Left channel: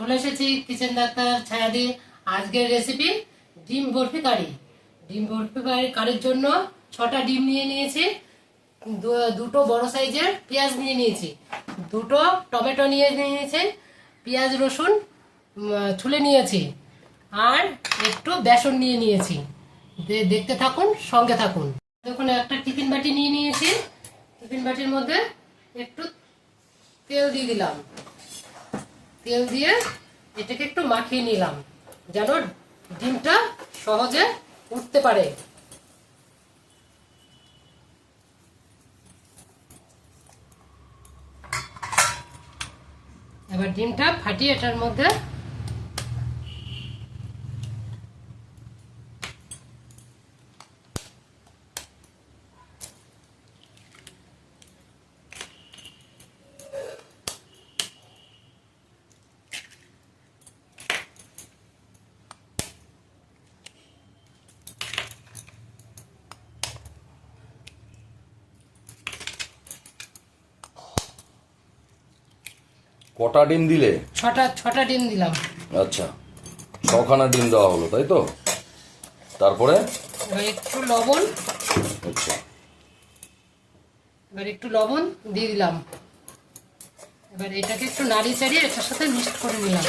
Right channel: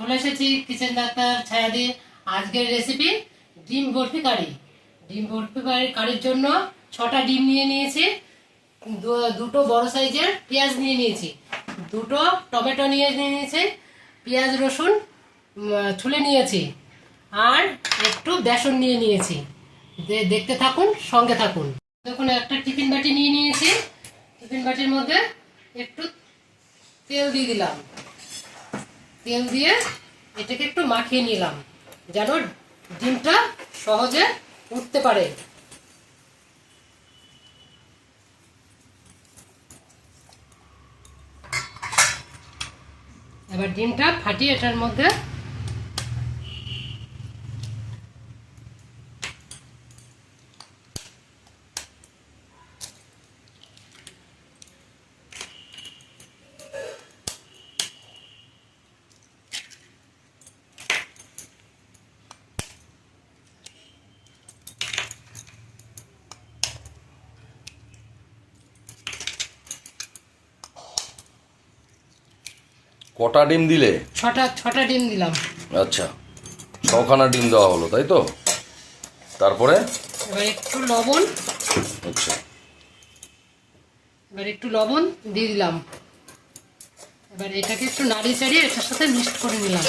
চলে এসেছি kitchen doctor ছায়া দিয়ে। আজকের রেসিপি ডিম বরফি কারি। ডিম বরফি কারির জন্য 6টা ডিম নিয়ে নিয়েছি, দুটো বড় সাইজের পেঁয়াজ নিয়ে নিয়েছি, দুটো টমেটো নিয়ে নিয়েছি, পেঁয়াজ রসুন ছুলে নিয়েছি, আর একটু বেসন নিয়ে নিয়েছি। দেখতে থাকুন, সঙ্গে থাকুন। দেখুন, একটা টিফিন বাটি নিয়ে নিয়েছি। টিফিন বাটির মধ্যে একটু তেল দিয়ে দিলাম। তেল দিয়ে এটাকে একটু মাখিয়ে নিলাম যেন ডিমটা সহজে উঠতে পারে। এবার ডিমটা ফাটিয়ে এটার মধ্যে কটা ডিম দিলে? ছটা ডিম দিলাম। আচ্ছা, 6খানা ডিম দেওয়া হলো, তাই তো? তারপরে এবার একটু লবণ, আচ্ছা, এবার একটু লবণ দিয়ে দিলাম। এবার এটাকে একটু নাড়িয়ে চাড়িয়ে এটার সাথে মিক্স করে নিলাম।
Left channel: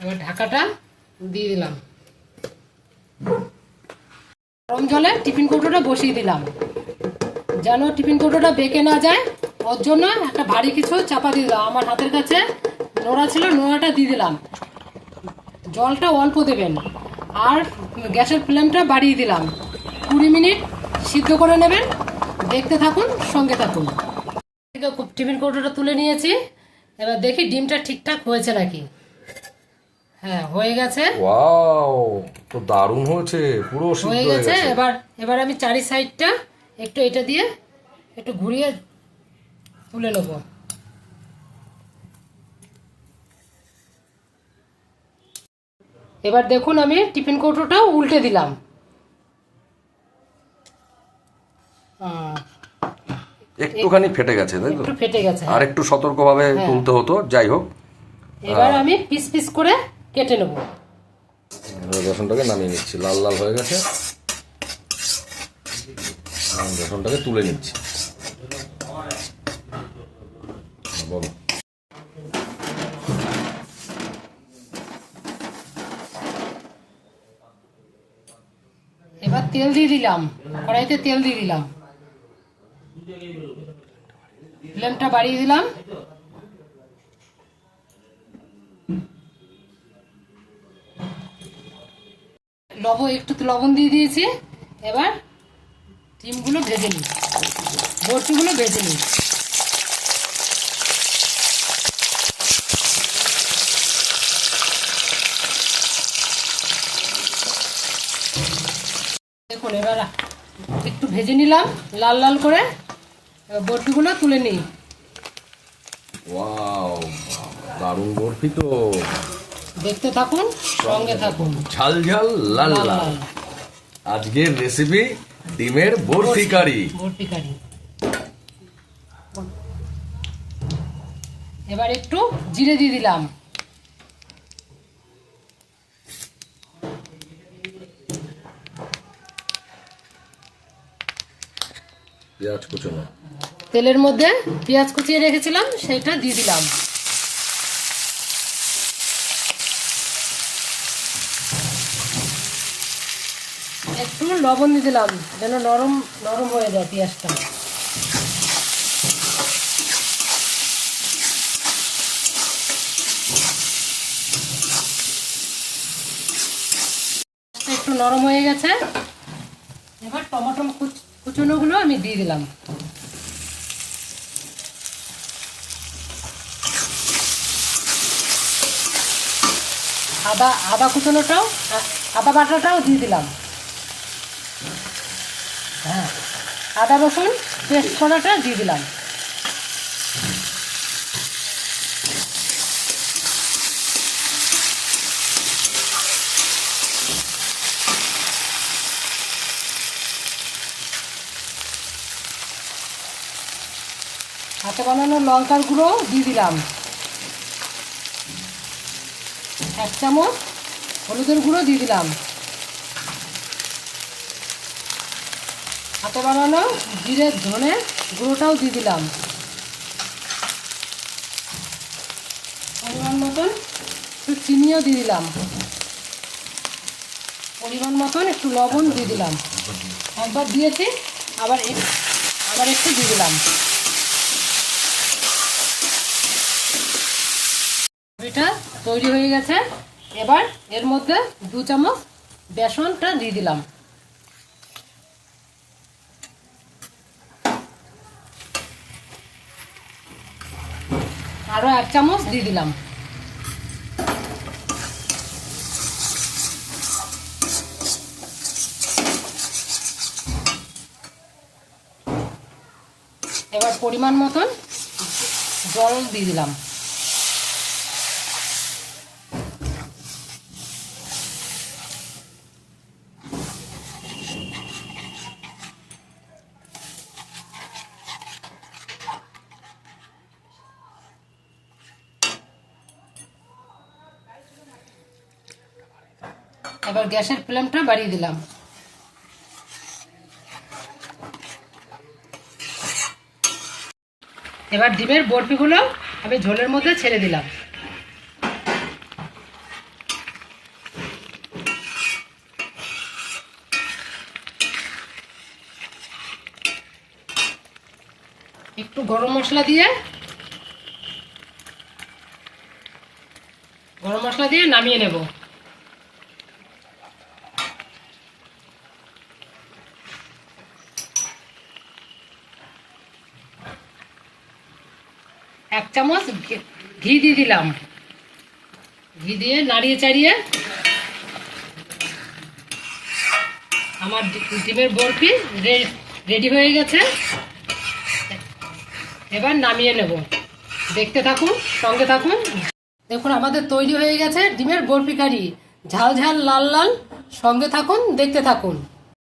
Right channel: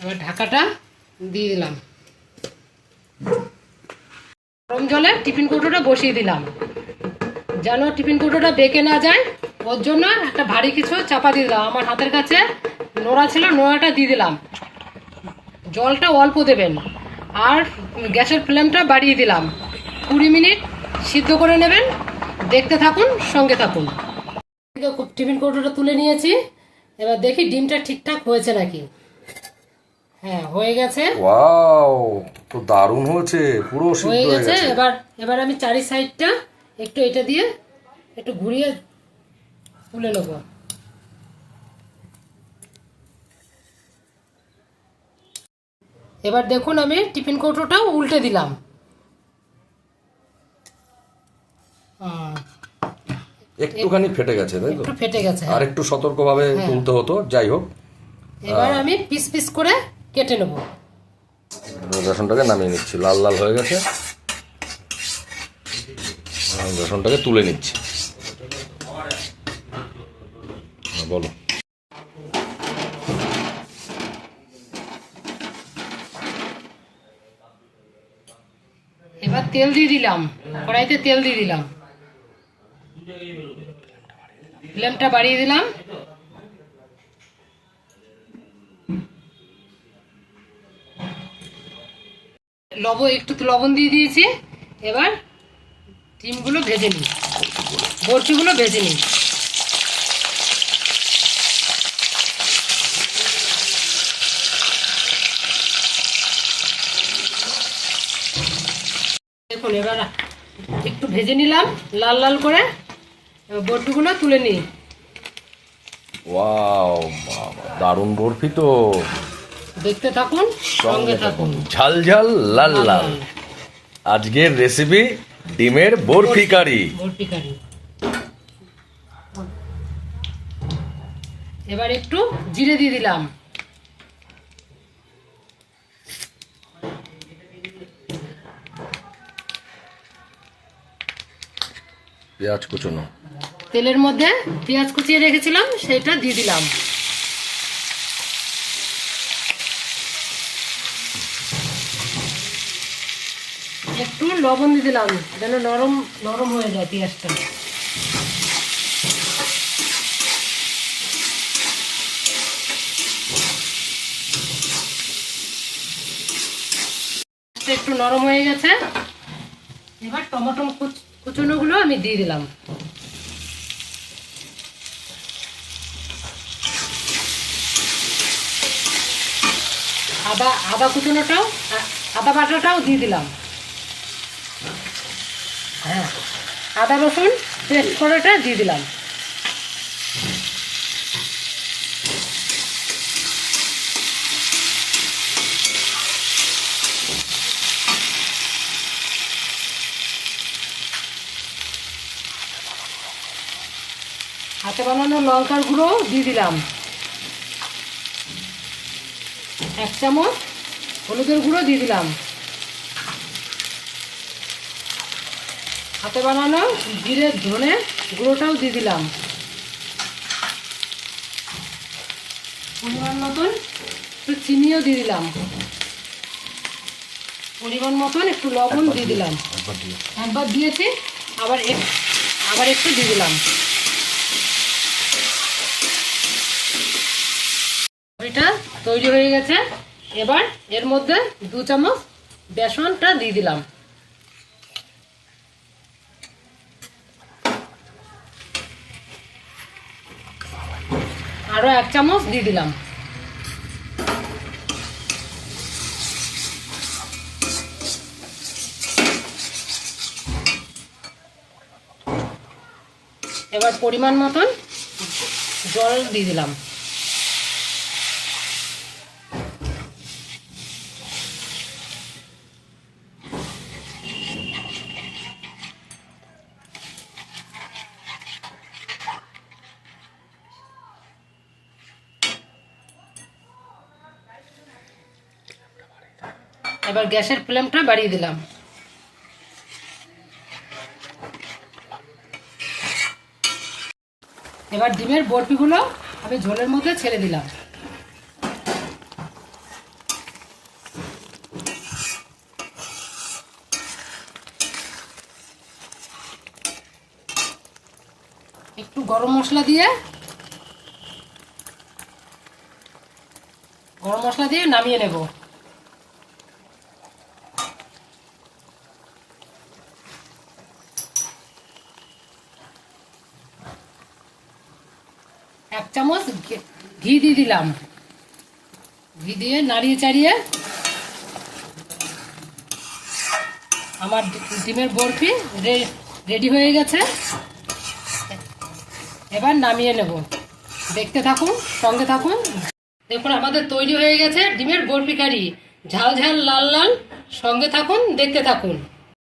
এবার ঢাকাটা দিয়ে দিলাম। গরম জলে টিফিন কৌটোটা বসিয়ে দিলাম যেন টিফিন কৌটোটা বেঁকে না যায়। ওর জন্য একটা ভারী কিছু চাপা দিয়ে দিলাম। আমার হাতের কাছে নোড়া ছিল, নোড়াটা দিয়ে দিলাম। জলটা অল্প দেবেন, আর গ্যাসের ফ্লেমটা বাড়িয়ে দিলাম। 20 মিনিট সিদ্ধ করে নেবেন। দেখতে থাকুন, সঙ্গে থাকুন। টিফিন কৌটোটা তুলে নিয়েছি। এবার দেখি ডিমটা ঠিকঠাক হয়েছে নাকি। হ্যাঁ, হয়ে গেছে। ওয়াও, তো দারুণ হয়েছে, পুরো হয়ে সিদ্ধ হয়ে গেছে। গেছে। এবার আমি চারি সাইডটা একটু এটা দিয়ে একটু ঘুরিয়ে তুলে নেব। এবার দেখুন, আমি টিফিন কৌটোটাও উল্টে দিলাম। একটুখানি ফেটে গেছে, তাই তো? একটু ফেটে গেছে। আর একটু সতর্কভাবে তুলতে হতো, যাই হোক। এবার আমি পিস পিস করে কেটে নেব। বেসনটাকে নামিয়ে নিচ্ছি, লাল লাল হয়ে গেছে। বেসনটাকে তুলে নিচ্ছি। বলো। এবার তেল দিয়ে দিলাম, কড়াইতে তেল দিয়ে দিলাম, ফ্লেমটা বাড়িয়ে দিলাম। একটু লবণ দিয়ে দিয়েছি। এবার ডিমগুলো ভেজে নিই, বরফিগুলো ভেজে নিই। দেখুন, এবার একটু ভেজে নিলাম লাল লাল করে। বরফিগুলো তুলে নিই। ওয়াও, দারুণ বরফি তো। দেখতে থাকুন, সঙ্গে থাকুন। ঝাল ঝাল লাল লাল আজকের রেসিপি ডিমের বরফি কারি। বরফি কারি। এবার একটু জিরে দিয়ে দিলাম। পেঁয়াজ কুচনো। তেলের মধ্যে পেঁয়াজ কুচিয়ে রেখেছিলাম, সেটা দিয়ে দিলাম। একটু লবণ দিয়ে দিলাম যেন নরম নরম হয়ে যায় পেঁয়াজটা। একটু নরম হয়ে গেছে। এবার টমেটো কুচনোগুলো আমি দিয়ে দিলাম। আদা কুচনোটাও, আদা বাটাটাও দিয়ে দিলাম। হ্যাঁ, আদা রসুন পেস্ট করাটা দিয়ে দিলাম। হাতে বানানো লঙ্কার গুঁড়ো দিয়ে দিলাম। 1 চামচ হলুদের গুঁড়ো দিয়ে দিলাম। হাতে বানানো জিরে ধনে গুঁড়োটাও দিয়ে দিলাম। পরিমাণ মতন একটু চিনিও দিয়ে দিলাম। পরিমাণ মতন একটু লবণ দিয়ে দিলাম। একবার দিয়েছি, আবার একটু দিয়ে দিলাম। এটা তৈরি হয়ে গেছে। এবার এর মধ্যে 2 চামচ বেসনটা দিয়ে দিলাম। আরো 1 চামচ দিয়ে দিলাম। এবার পরিমাণ মতন জল দিয়ে দিলাম। এবার গ্যাসের ফ্লেমটা বাড়িয়ে দিলাম। এবার ডিমের বরফিগুলো আমি ঝোলের মধ্যে ছেড়ে দিলাম। একটু গরম মশলা দিয়ে নামিয়ে নেব। এক চামচ ঘি দিয়ে দিলাম। ঘি দিয়ে নাড়িয়ে চাড়িয়ে আমার ডিমের বরফি রেডি হয়ে গেছে। এবার নামিয়ে নেব। দেখতে থাকুন, সঙ্গে থাকুন। দেখুন আমাদের তৈরি হয়ে গেছে ডিমের বরফি কারি। ঝাল ঝাল লাল লাল। সঙ্গে থাকুন, দেখতে থাকুন।